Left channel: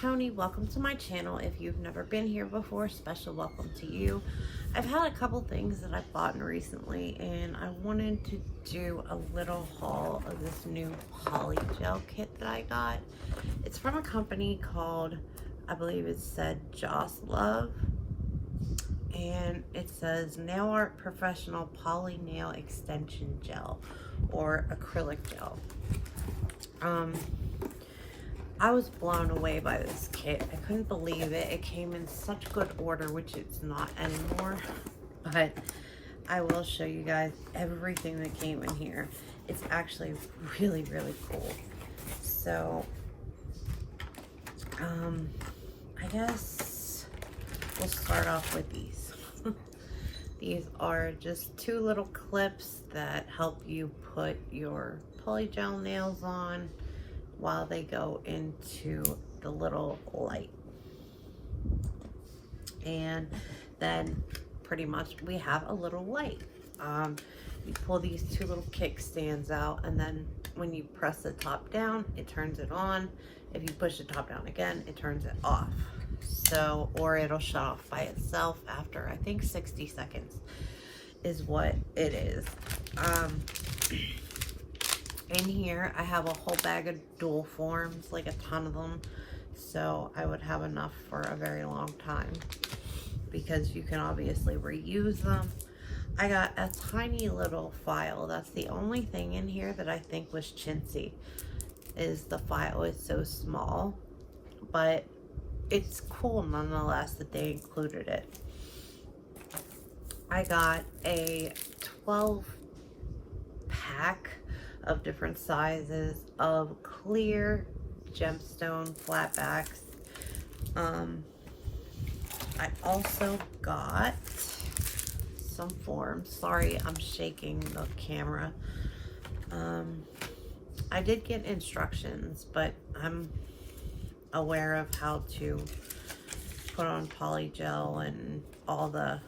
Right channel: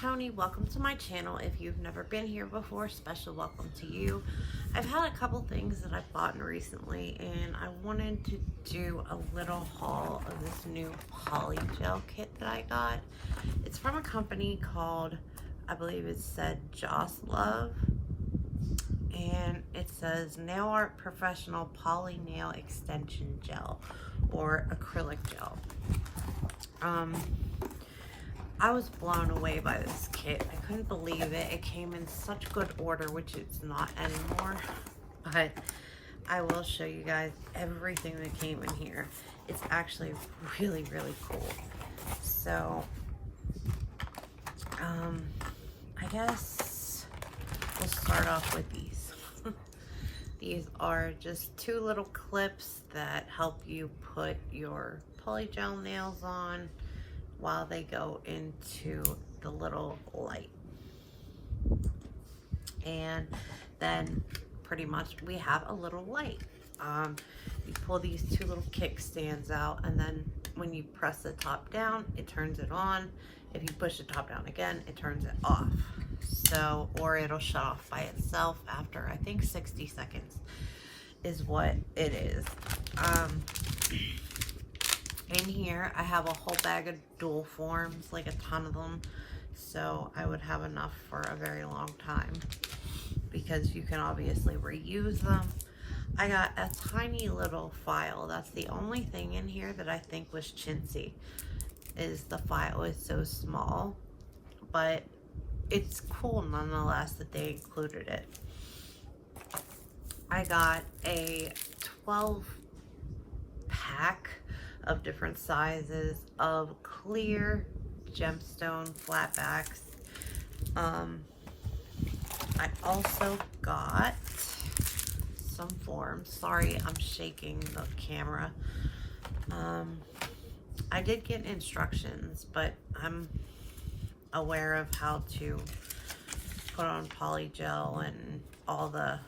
Tony. Welcome to my channel. If you've never been here before, special welcome to you. I've had a couple things that I've bought recently, and I wanted to do a little haul of this new Polygel kit that I got. It's from a company called, I believe it said Joslove, and it says Nail Art Professional Poly Nail Extension Gel or acrylic gel. I was blown away by this kit. I couldn't believe it. It came in such good order, which it's not anymore. But I will show you guys everything that came in here. It's actually really, really cool. So, I guess we'll start off with these. These are just two little clips that help you put your polygel nails on while they go into the little light. And then pretty much we have a little light. You pull these two little kickstands out, and then when you press the top down, it turns it on. If you push the top down again, it turns it off. So, or it'll shut off by itself after, I think 60 seconds is what it is. In here, I have a whole bag of dual forms, like a ton of them. So I would have enough for a very long time because you can obviously reuse them. I got a tiny little file. That's the only thing in here that I think was chintzy, is the file is so small, but it's cool nonetheless that they included it. I got a 12 pack of different sizes of clear gemstone flatbacks. I also got some forms. Sorry, I'm shaking the camera. I did get instructions, but I'm aware of how to put on polygel and all the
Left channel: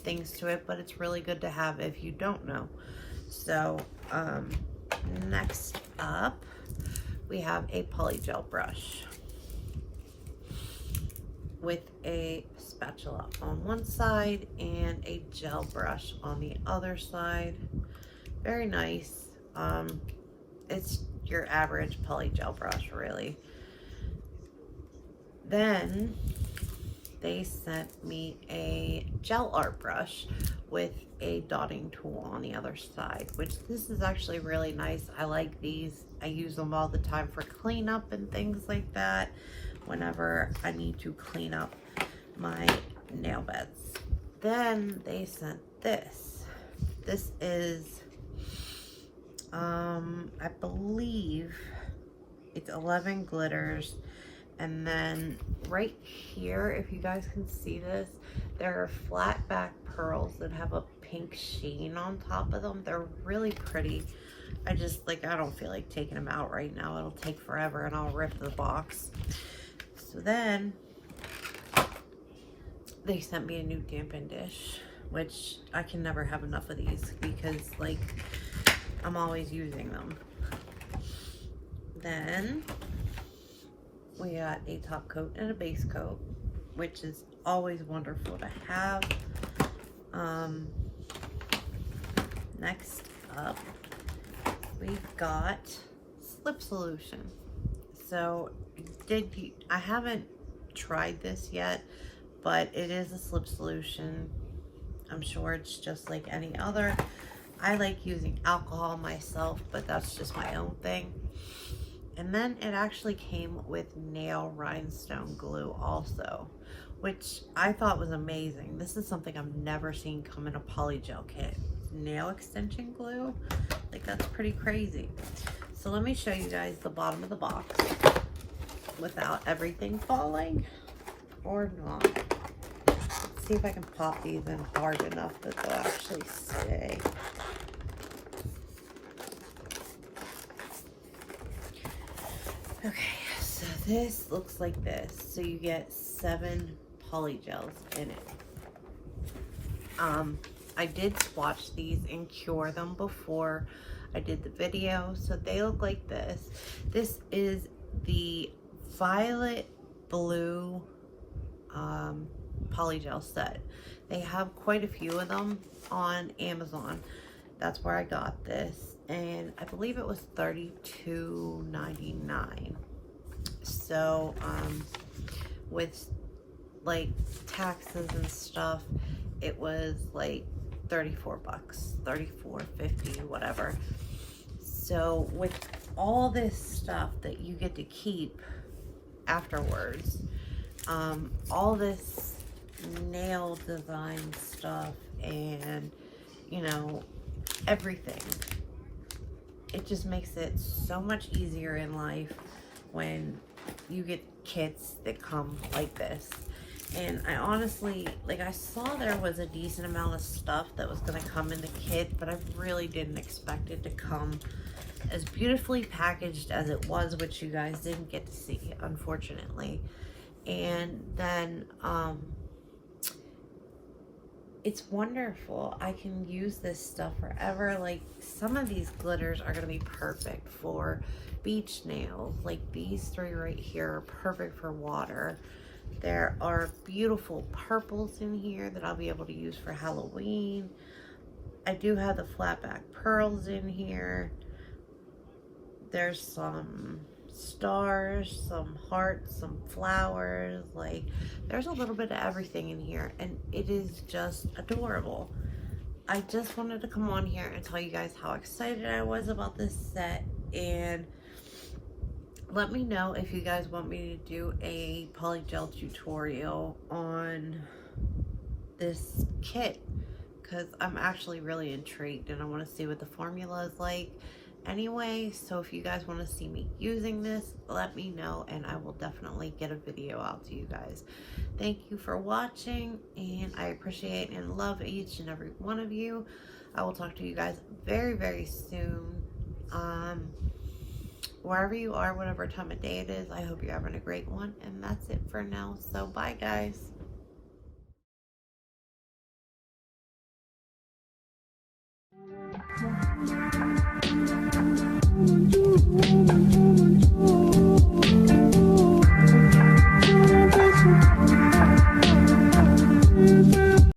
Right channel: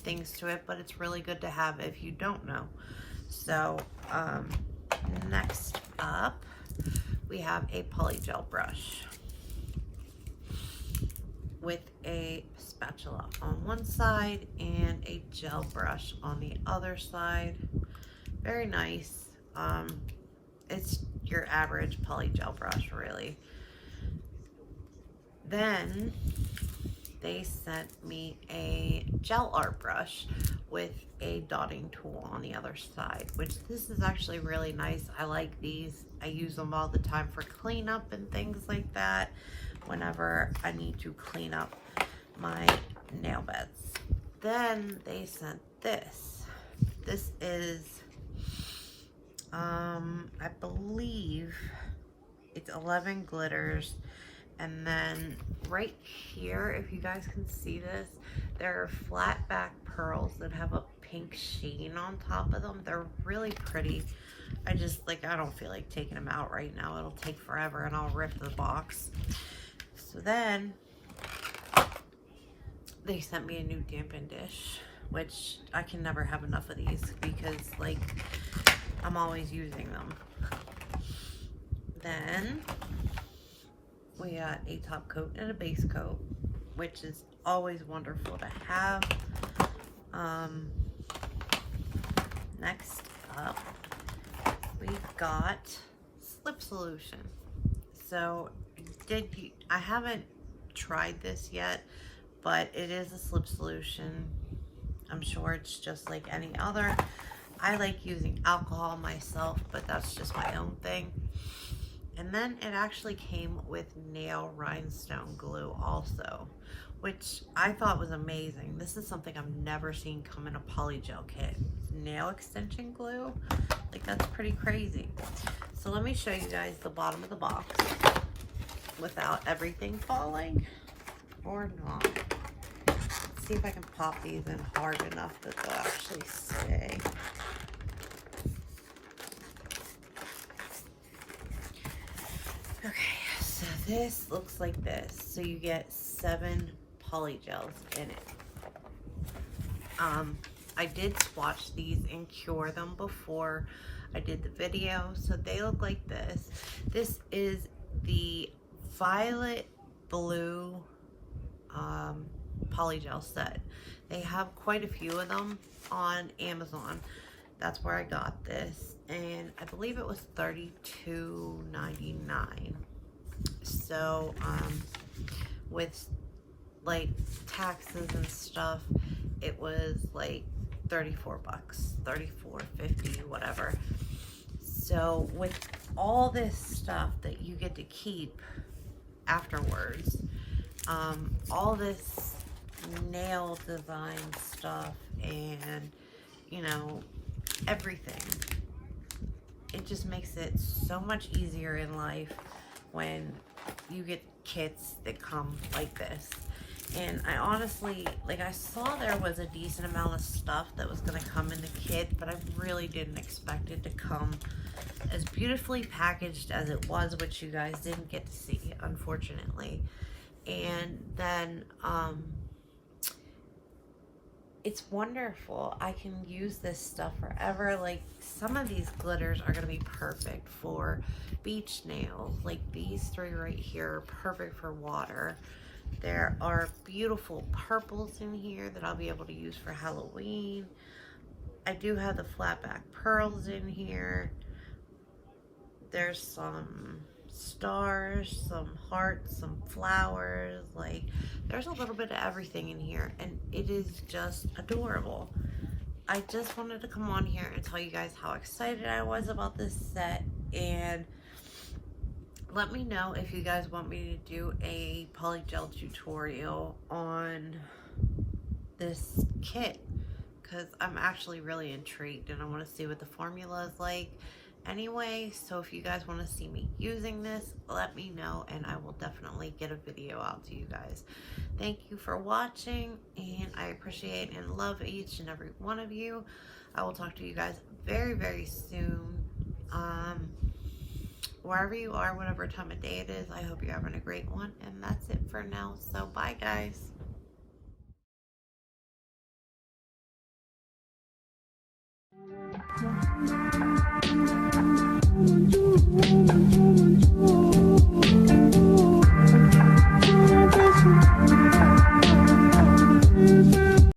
things to it, but it's really good to have if you don't know. So next up, we have a polygel brush with a spatula on one side and a gel brush on the other side. Very nice. It's your average polygel brush, really. Then they sent me a gel art brush with a dotting tool on the other side, which this is actually really nice. I like these. I use them all the time for cleanup and things like that whenever I need to clean up my nail beds. Then they sent this. This is, I believe it's 11 glitters. And then right here, if you guys can see this, there are flat back pearls that have a pink sheen on top of them. They're really pretty. I don't feel like taking them out right now. It'll take forever and I'll rip the box. So then they sent me a new dampen dish, which I can never have enough of these because I'm always using them. Then we got a top coat and a base coat, which is always wonderful to have. Next up, we've got slip solution. So I haven't tried this yet, but it is a slip solution. I'm sure it's just like any other. I like using alcohol myself, but that's just my own thing. And then it actually came with nail rhinestone glue also, which I thought was amazing. This is something I've never seen come in a polygel kit. Nail extension glue, that's pretty crazy. So let me show you guys the bottom of the box without everything falling or not. Let's see if I can pop these in hard enough that they'll actually stay. Okay, so this looks like this. So you get 7 polygels in it. I did swatch these and cure them before I did the video. So they look like this. This is the Violet blue polygel set. They have quite a few of them on Amazon. That's where I got this, and I believe it was $32.99. So with like taxes and stuff, it was like 34 bucks, 34.50, whatever. So with all this stuff that you get to keep afterwards, all this nail design stuff, and you know, everything, it just makes it so much easier in life when you get kits that come like this. And I honestly, like, I saw there was a decent amount of stuff that was going to come in the kit, but I really didn't expect it to come as beautifully packaged as it was, which you guys didn't get to see, unfortunately. And then it's wonderful. I can use this stuff forever. Like, some of these glitters are going to be perfect for beach nails. Like these three right here are perfect for water. There are beautiful purples in here that I'll be able to use for Halloween. I do have the flat back pearls in here. There's some stars, some hearts, some flowers. Like, there's a little bit of everything in here, and it is just adorable. I just wanted to come on here and tell you guys how excited I was about this set, and let me know if you guys want me to do a polygel tutorial on this kit, because I'm actually really intrigued and I want to see what the formula is like anyway. So if you guys want to see me using this, let me know and I will definitely get a video out to you guys. Thank you for watching, and I appreciate and love each and every one of you. I will talk to you guys very, very soon. Wherever you are, whatever time of day it is, I hope you're having a great one. And that's it for now. So bye, guys.